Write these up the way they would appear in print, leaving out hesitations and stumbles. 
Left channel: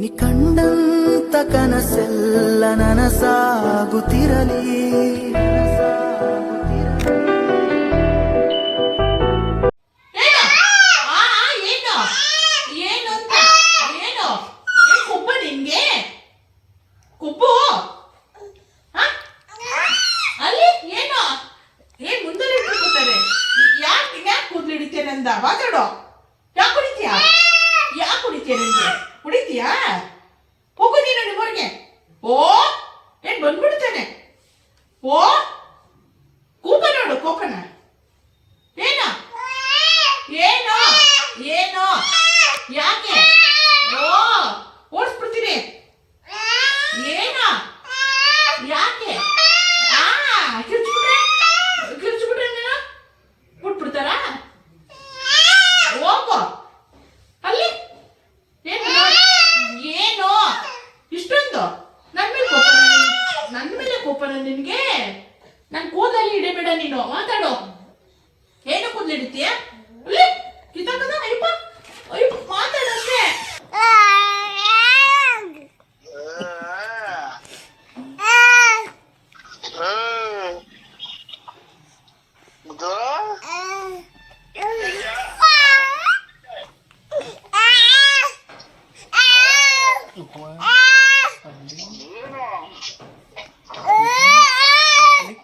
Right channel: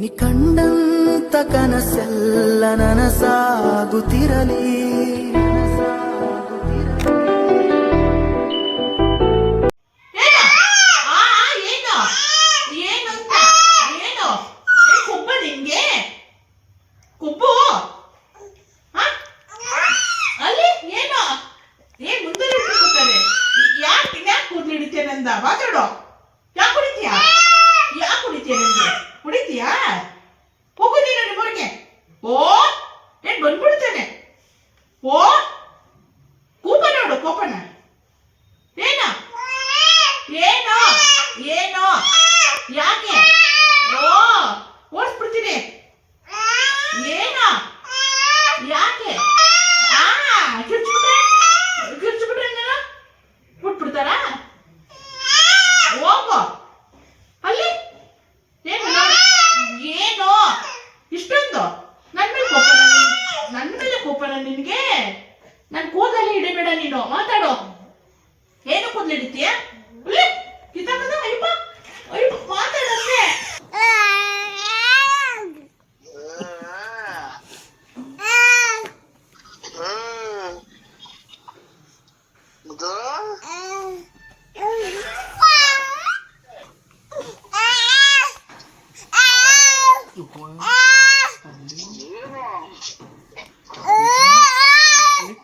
ನಿ ಕಂಡಂತ ಕನಸೆಲ್ಲ ನನಸಾಗುತ್ತಿರಲಿ. ಕುಪ್ಪು ಅಲ್ಲಿ ಏನೋ ಏನ್ ಮುಂದೆ ಕೂತಾರೆ. ಯಾಕೆ ಕೂದಲು ಹಿಡಿತೀಯ ನಂದ ಮಾತಾಡೋ. ಯಾಕೆ ಕುಡಿತೀಯಾ? ಯಾಕೆ ಕುಡಿತೀಯ? ನಂಗೆ ಕುಡಿತೀಯಾ? ಹೋಗು ನೀನು ನಿಮ್ಮೂರಿಗೆ. ಓ ಏನ್ ಬಂದ್ಬಿಡ್ತಾನೆ. ಓ ಕೂಪ ನೋಡು ಕೋಪನ. ಏನೋ ಏನೋ ಏನೋ ಯಾಕೆ? ಓ ಓಡಿಸ್ಬಿಡ್ತೀನಿ. ಏನೋ ಯಾಕೆ? ಕಿರ್ಚ್ಬಿಟ್ರೆ ನೀನು ಬಿಟ್ಬಿಡ್ತಾರ? ಹೋಗೋ ಅಲ್ಲಿ. ಏನು ಇಷ್ಟೊಂದು ನನ್ನ ಮೇಲೆ ಕೋಪನ ನಿನಗೆ? ನನ್ನ ಕೂದಲಲ್ಲಿ ಹಿಡಿಬೇಡ ನೀನು. ಮಾತಾಡೋ. ಏನು ಕೂದಲು ಹಿಡಿತೀಯ? ಕಿತ್ತಾಕದ ಅಯ್ಯಪ್ಪ ಅಯ್ಯಪ್ಪ ಮಾತಾಡಷ್ಟೇ.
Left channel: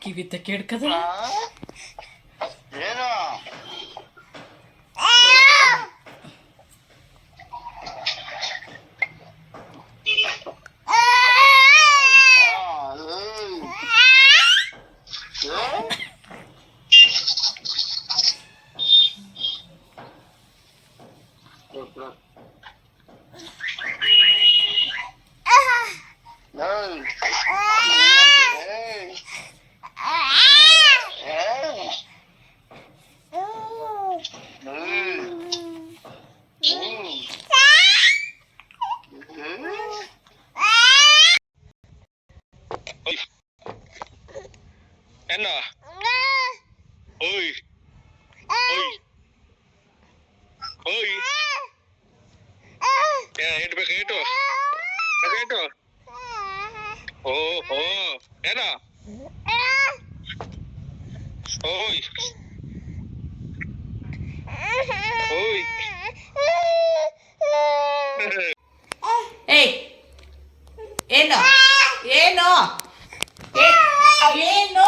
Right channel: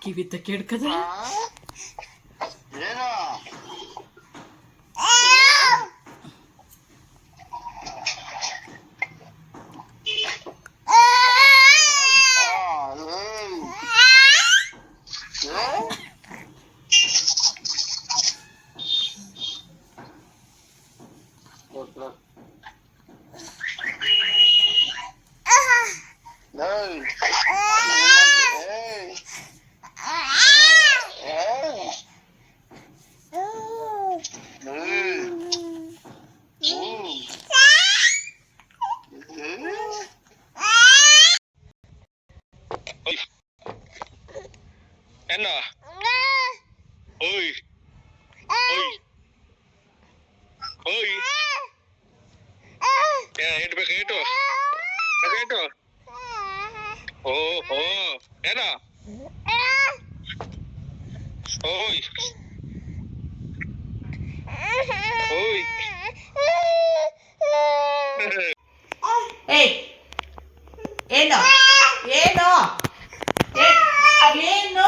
ಕಿವಿ ಕೇಳ್ಕದ Enna. Oi. Oi. Oi. Itu. Itu. Oh. Enna. Oi. Oi. ಏಯ್ ಏನು ಏನು ಏನು?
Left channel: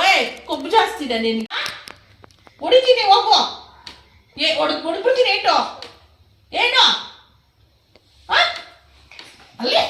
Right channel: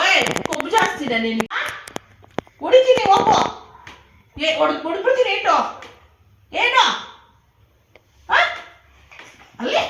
ಓಯ್ ಕೊಬ್ಬು ಜಾಸ್ತಿ ಇದೆ ನಿನ್ಗೆ. ಹೊಡಿತೀನಿ ಹೋಗು. ಹೊಡ್ಬಿಡ್ತೀನಿ. ಏನು ಏನು ಅಲ್ಲಿ